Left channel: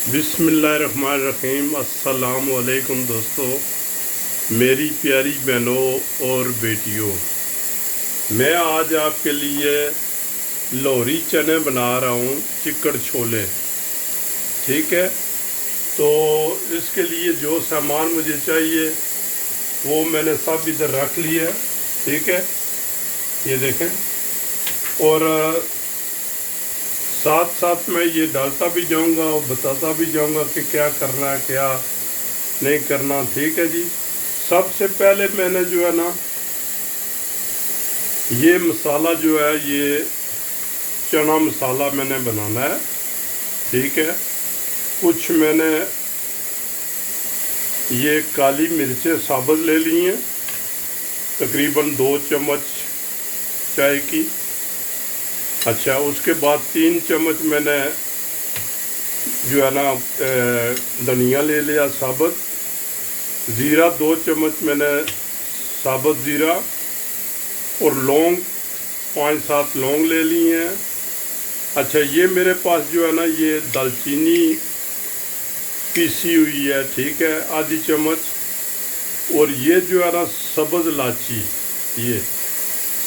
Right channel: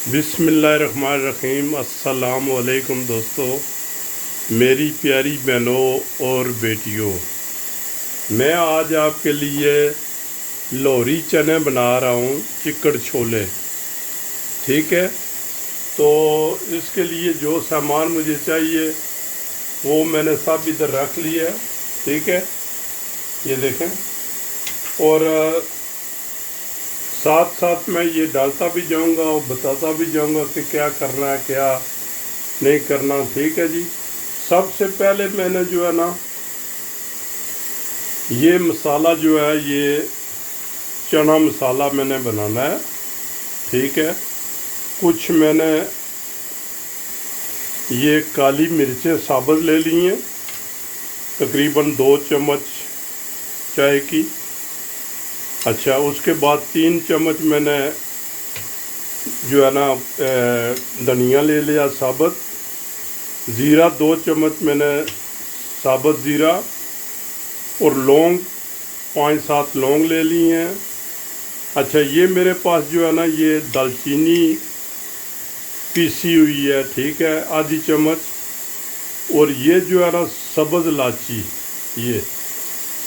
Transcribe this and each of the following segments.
बिस्मिल्लाहिर्रहमानिर्रहीम। अस्सलाम वालेकुम दोस्तों, मेरी प्यारी बहनों और बेटियों, मैं आज आपके लिए लोहरी चने बना रहा हूँ, चिकड़ छोले। ठीक है, तो इसके लिए जो सामान मुझे चाहिए वो मैंने सब इधर रख लिया है। ठीक है, ये देखें। और साथ साथ मैं ये डालता भी जाऊंगा और बताता भी जाऊंगा कि क्या करना है क्या नहीं करना। ठीक है जी। सबसे पहले मैंने जो है ना, ये मसाला जो है, ये चना मसाला मैंने बनाना है। ठीक है, कुछ मैंने ये काली मिर्चें साबुत ले ली हैं, तकरीबन 2 चम्मच चाय की। अच्छा, उसके बाद 3 चम्मच मैंने जो है ना धनिया ले लिया साबुत। ज़ीरा 2 चम्मच मैंने साबुत ज़ीरा, और लौंग 5-7 लौंग ले ली हैं। अच्छा, ये मेरे पास जो है ना, ये दालचीनी पीसी हुई है। ठीक है, आधी चम्मच। और ये जो है ना सब्ज़ इलायची, ये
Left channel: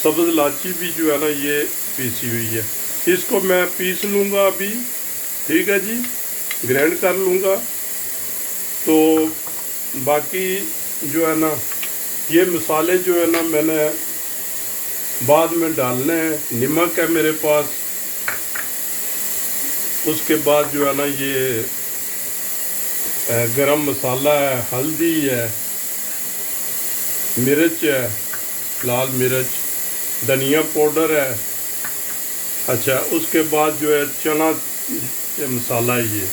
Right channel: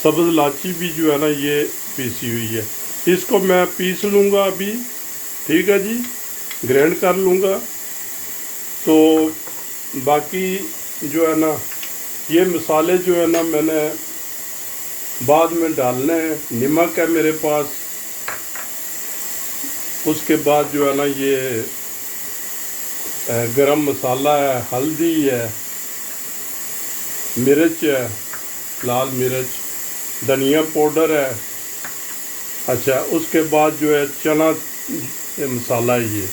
सब्ज़ इलायची भी जो है ना ये पीसी हुई है। इसको मैं पीस लूँगा अभी। ठीक है जी, ग्राइंड कर लूँगा। तो बाकी जो है ना, ये मसाले जो है ना मैंने बाद में डालने हैं। नमक है मेरे पास। उसके बाद जो है ना ये गरम मसाला है, हल्दी है, मिर्च है, लाल मिर्च, धनिया पाउडर है। अच्छा, उसके बाद जो है चना मसाला है, ये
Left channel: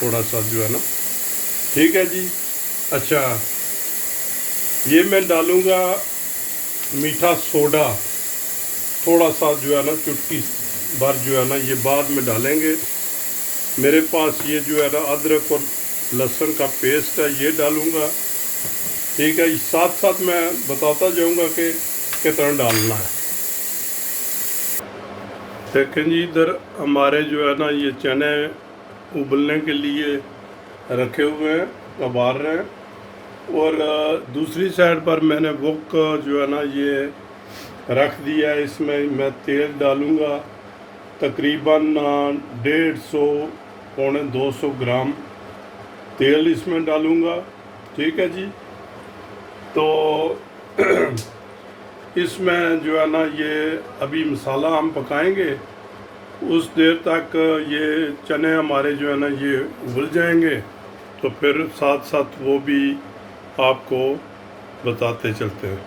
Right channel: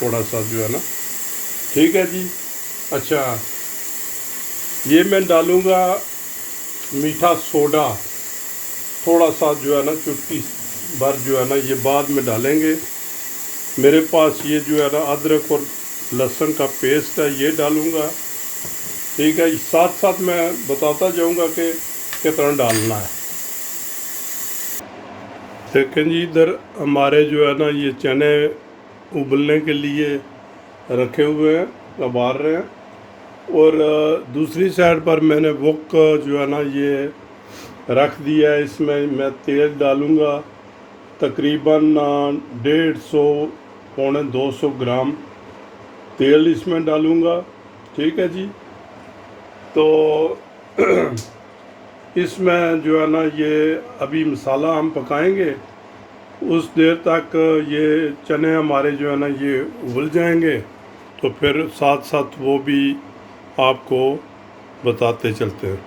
थोड़ा सा जो है ना। ठीक है जी। अच्छा, ये मैं डालूँगा मीठा सोडा, थोड़ा सा जो है ना, चुटकी भर जो है ना, ये बाद में डालेंगे। मेरे पास ये जो है ना अदरक और लहसुन का पेस्ट है, ये डालूँगा। ठीक है, साथ साथ मैं बताता जाऊँगा कि कितना डालना है। देखें जी, इधर हमारे जो है ना ये चने उबलने के लिए रखे हुए हैं, उबाल रहे हैं। और दूसरी साइड पर मैंने वोक जो है ना ये रख दिया है। इसमें मैं तेल डालूँगा, तकरीबन 150 पौने 200 ग्राम तेल इसमें डालूँगा। ठीक है जी। तो इसमें जो है ना ये अभी मसाला हम पकाएंगे, उस देर तक ये चने हमारे जो है ना ये उबल जाएंगे। तो फिर साथ साथ वो भी आपको बताते चलते हैं।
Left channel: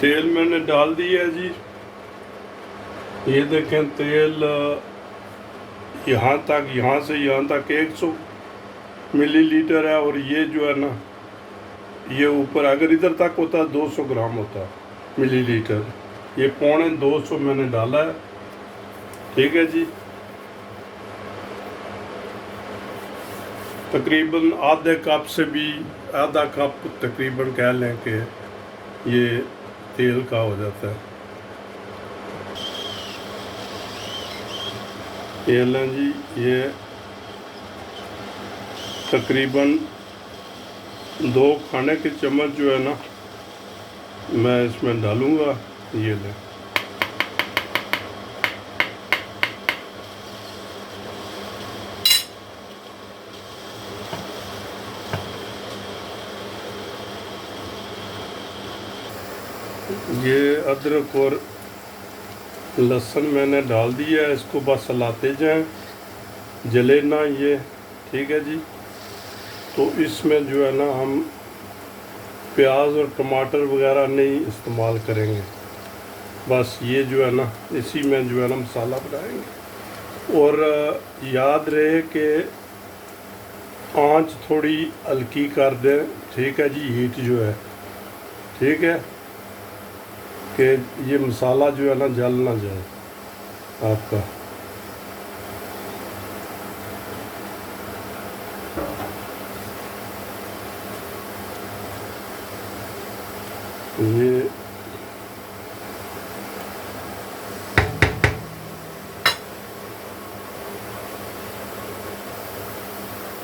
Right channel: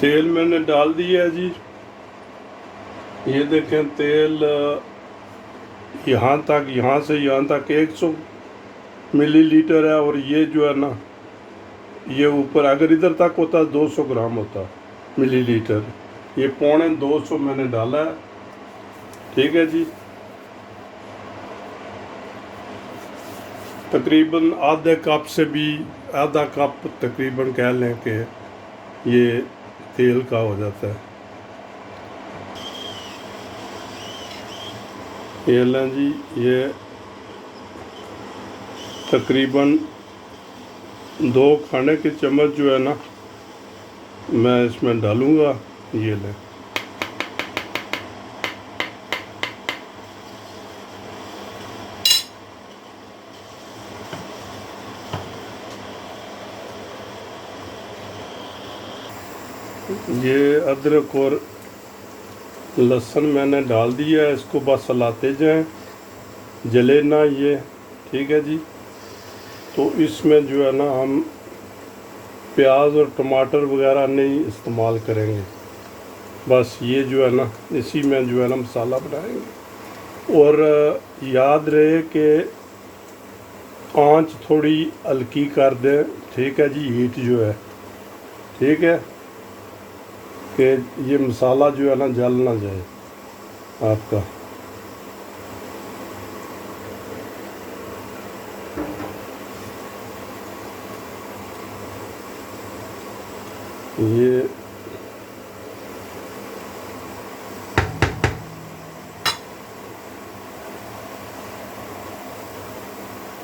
तेल मैंने डाल दिया है जी। ये देखें, तेल यहाँ तक, यहाँ से यहाँ तक 100 मिलीलीटर है। और ये जो है ना, ये ऊपर अगर इधर तक होता 200 ग्राम होता मिलीलीटर। ये पौने 200 मैंने डाला है। ठीक है जी। तकरीबन आधे कप से भी आधा कप तकरीबन कह लें कि ये तेल का हो जाता है। ये लें जी, ये तकरीबन 2 खाने के चम्मच जो है ना मैं इसमें डालूँगा। ये लें। ये अदरक और लहसुन मैंने डाल दिया है, इसको बस चलाते जाएं, जले ना ये। ठीक है जी। तो इसमें जो है ना हम प्याज और टमाटर वगैरह नहीं इस्तेमाल करेंगे। बस ये जो है ना, इसी में जो है ना मसाला बनाएंगे। और याद रहे कि आंच थोड़ी हल्की कर दें। ठीक है जी, हीट जो है। ठीक है, कि ये मसाला जो है ना जल ना जाए आपका। ये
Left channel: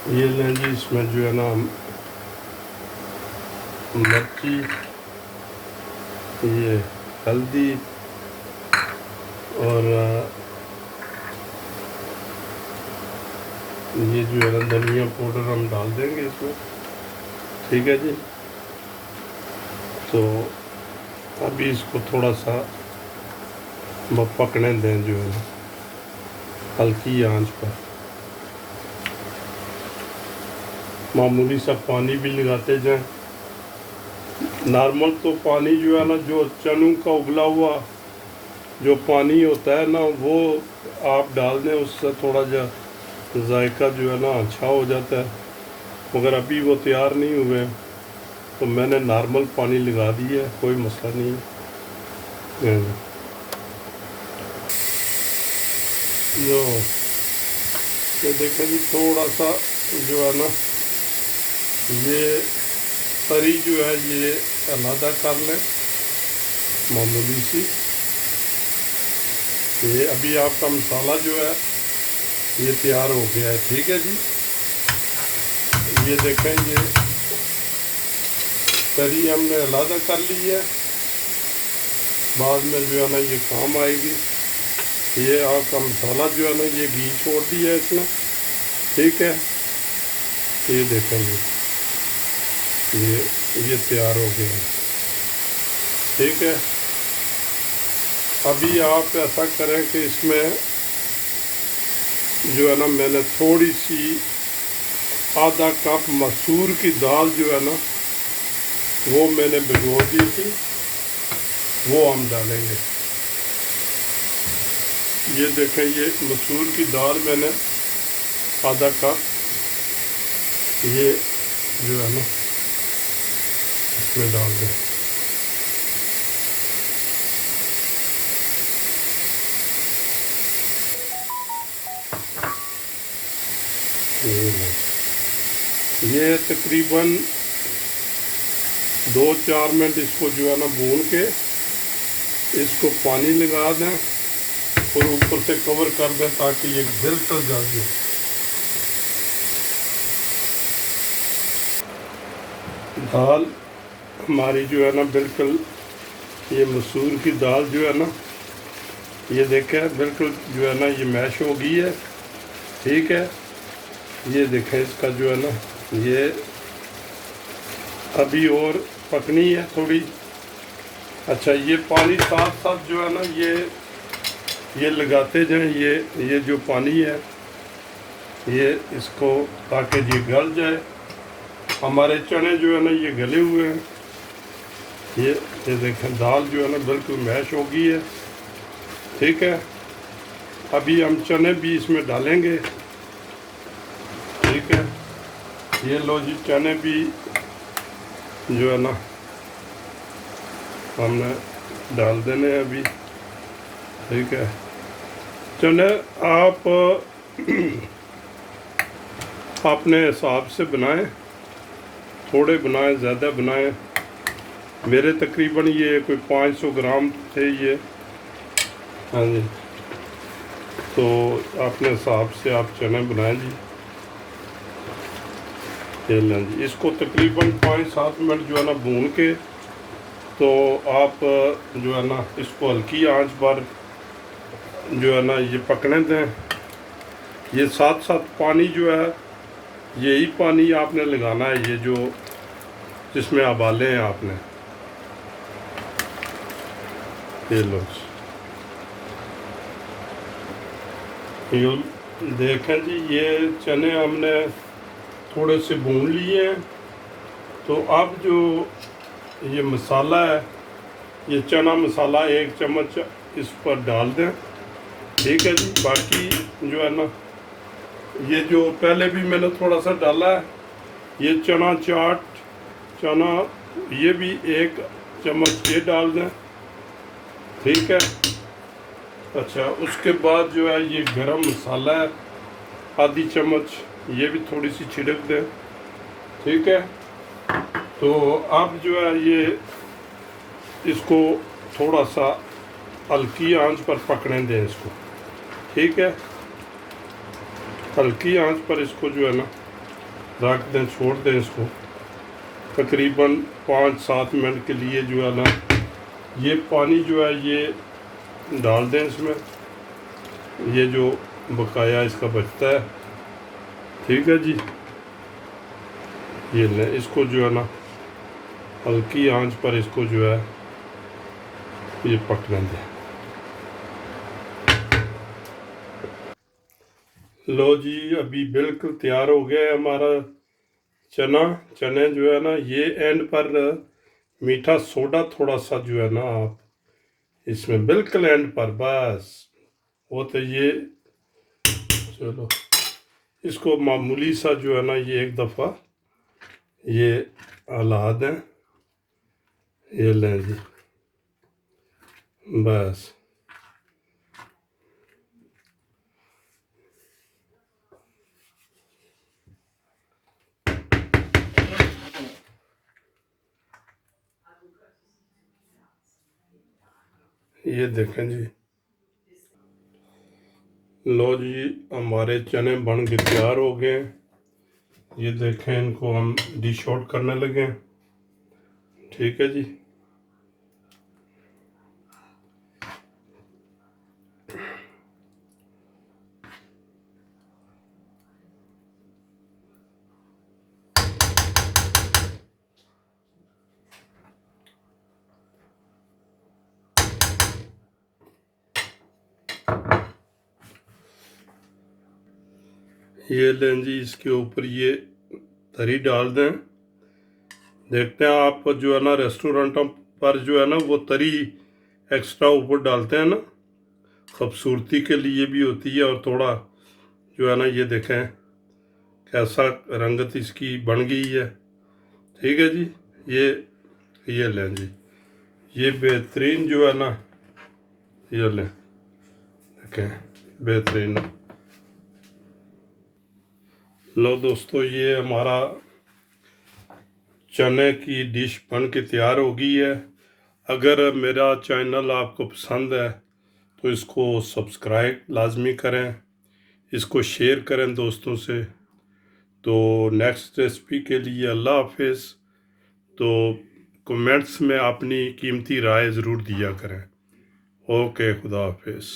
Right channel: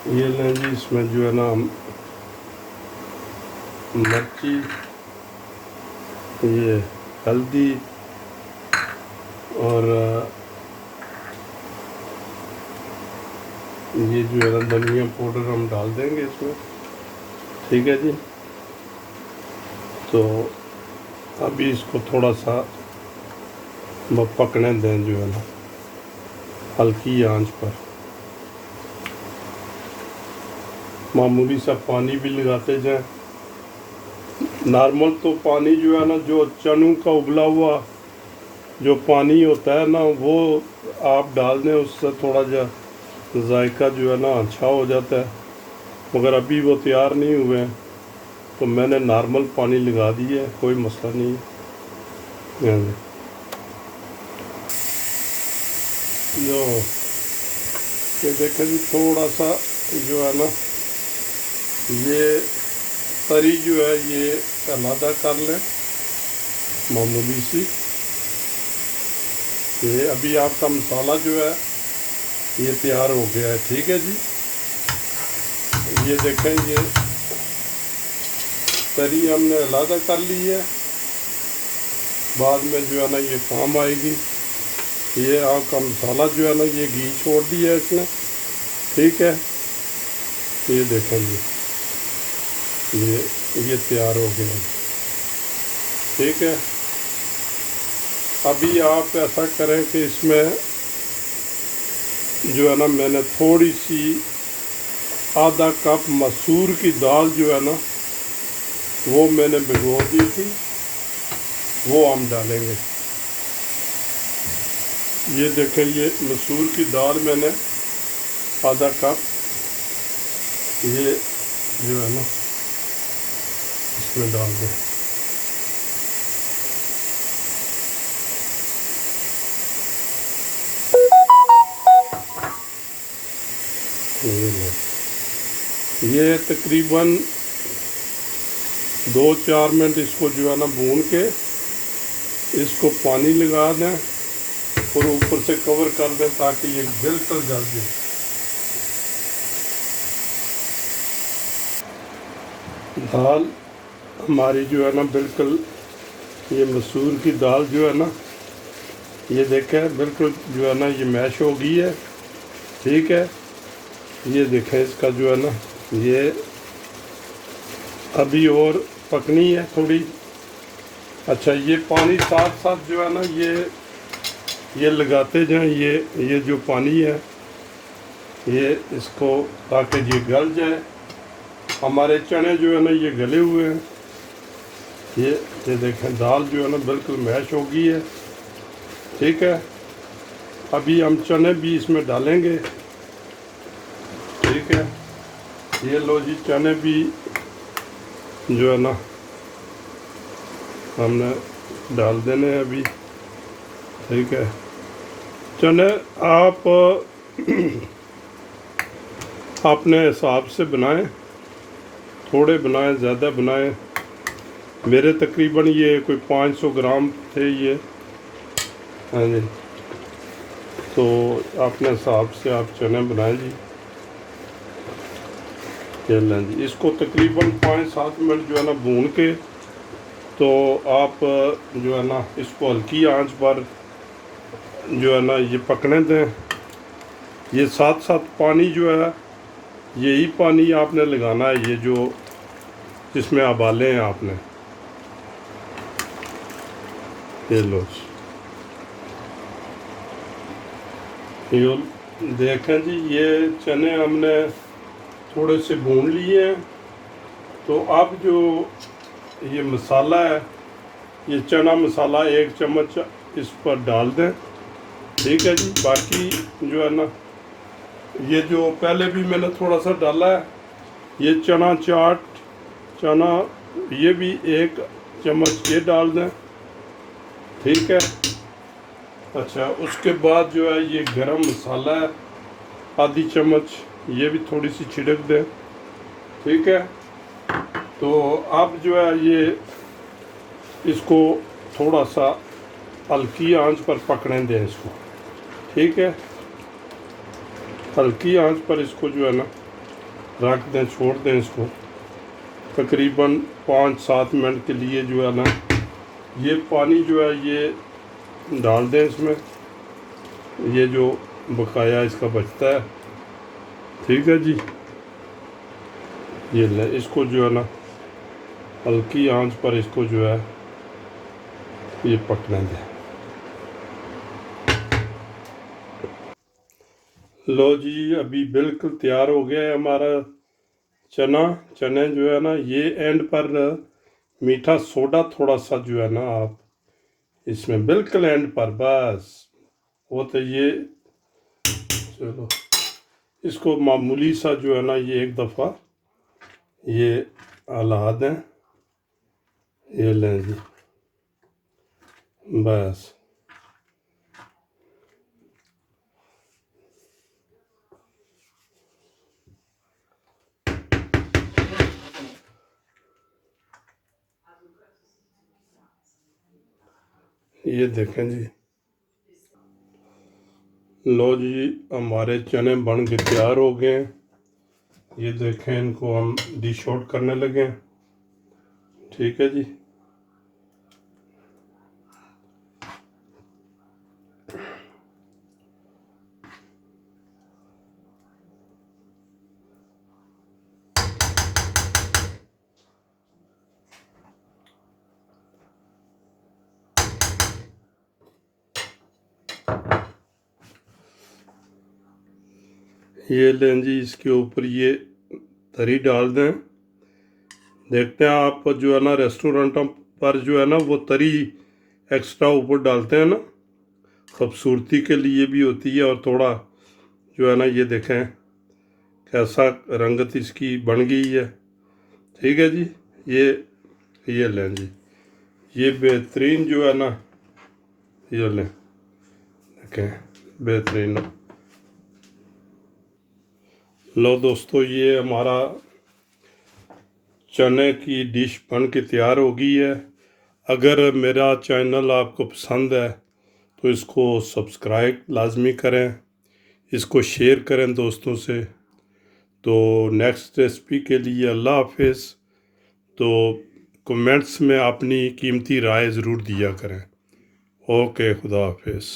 ये लें जी, इसमें जो है ना मिर्ची, ये हल्दी और ये जो है ना धनिया पाउडर हम डाल देंगे इसमें। ठीक है जी। तो अभी इसको थोड़ा सा पकने दें जो है ना हल्की आंच पर। मामूली सा पानी भी लगाते जाएं। नॉर्मल तो पानी जो है ना, जो चनों का उबला हुआ जो पानी होता है ना, वो आप डाल दें, उससे थोड़ा जायका जो है ना अच्छा हो जाता है। मगर अभी वो तैयार नहीं हुए हैं तो मैंने नॉर्मल पानी लगा दिया है, कोई मसला नहीं है। ये देखें जी, थोड़ा सा जो है ना ये तरी जो है ये अलहदा कर लें, मामूली सी। ये अभी आपका मसाला जो है ये तैयार हो गया है। ठीक है जी। ये देखें, ये तरी हमने अलहदा कर ली है, बाद में जो है ना ये काम आएगी। ये आपका मसाला जो है ना ये घी छोड़ दिया है इसमें। ठीक है, ये देखें ये तैयार हो गया। ठीक है, अभी आप ऐसा करें कि इसमें जो है ना मैंने थोड़ी सी आधा कप मसूर की दाल जो है ना वो मैंने भिगो दी थी, वो हम डालेंगे। ये देखें, ये मसूर की दाल मैंने आधा कप ये जो है ना इसमें डाल दें। ये तकरीबन 2-4 मिनट इसको जो है ना भून के इसको पानी लगा दें और ऊपर से कवर कर दें ताकि ये बिल्कुल जल जाए। दाल हमारी जो है ना बिल्कुल, ये मसूर की दाल जो है ना ये देखें बिल्कुल जो है ना ये मैश हो गई है। ठीक है, ये देखें इसका जो है ना ये अभी और पकनी है थोड़ी। अच्छा, ये पानी साथ साथ जो है ना ये लगाते जाएं, ये जो पानी है ये इसको, ताकि ये गल जाए। हमारे चने जो है ना ये गले हुए हैं। ये देखें दाल जो है ना बिल्कुल मैश हो गई है। ठीक है, अभी हम चने भी इसमें डालेंगे। ठीक है, ये लो जी, चने भी जो है ना हमने डाल देने हैं अभी। ठीक है, चने आप अपने हिसाब से बनाएं, थोड़े बनाएं ज़्यादा बनाएं। मेरे तकरीबन ये कोई 500 ग्राम थे ये। हाँ जी, तो अपने हिसाब से आप चने बनाएं जी। ये लें जी, इसको तकरीबन 5-7 मिनट जो है ना भून के, तो आप जो है ना इसको हल्की आंच पर जो है ना ये पकने दें। ये साथ साथ पानी जो है यही पानी आपने लगाना है, ये जो जिसमें उबाले हैं आपने। ये लो ये देखें जी, ये चने हमने थोड़े से भून लिए हैं। तो अब जो ये मसाला है, ये चना मसाला 1 चम्मच इस पर डाल दें। ठीक है जी। बाकी जो है ना ये जो पहले भी मैंने थोड़ा सा डाला है, ये चना चाट, चना ये भी 1 चम्मच ये डाल दें। ठीक है। अच्छा, उसके बाद जो है ये गरम मसाला है आधी चम्मच, ये भी थोड़ी सी छिड़क दें। ठीक है। तो आप जो है ये इसको थोड़ा सा हल्की आंच पर पकने दें इसको। ठीक है, हल्की आंच पर इसको जो है ना रख दें, छोड़ दें इसको तकरीबन 5-7 मिनट के लिए। जो है ना ये पानी जो है ये डाल दें इसमें, ये जो बकाया इसका बचता है। ठीक है जी, ये लें इसको जो है ना हल्की आंच पर इसको जो है ये पकने दें। लो जी, अभी बिल्कुल तैयार हो गया है हमारा चने जो है ना। ये एंड पर मीठा सोडा थोड़ा सा जो है ना आप इसमें बिल्कुल एंड पर बस वो तो ये चलो इसको मामूली सा जो है ना ये एक दफ़ा ये हिला दें। ये लें जी, बस ये देखें जी। लो जी, हमारे चने बन के तैयार हो गए। ये देखें, इनको हम डिश आउट करने लगे। ठीक है जी। ये लें जी, इसके ऊपर ये तरी डाल दें। देखते हैं आप जो है ना रेस्टोरेंटों पर जो है ना वो तरी एक्स्ट्रा ऊपर डालते हैं ना, खूबसूरती के लिए भी होती है। और थोड़ा जो है ना ये देखें कैसा रंगत इसकी बन गई है। ठीक है जी। ये लें जी, ये बेहतरीन जो है ना ये लें, देखें बेहतरीन। लो दोस्तों, ये हमारा चने की डिश बन के तैयार हो गई है। अगर मेरा चैनल आपको पसंद है तो इसको सब्सक्राइब लाजमी करें, इसको शेयर करें दोस्तों से। तो नेक्स्ट रेसिपी के लिए अल्लाह हाफिज़। तो कमेंट्स में अपनी कीमती राय ज़रूर दिया करें। ओके, खुदा हाफिज़।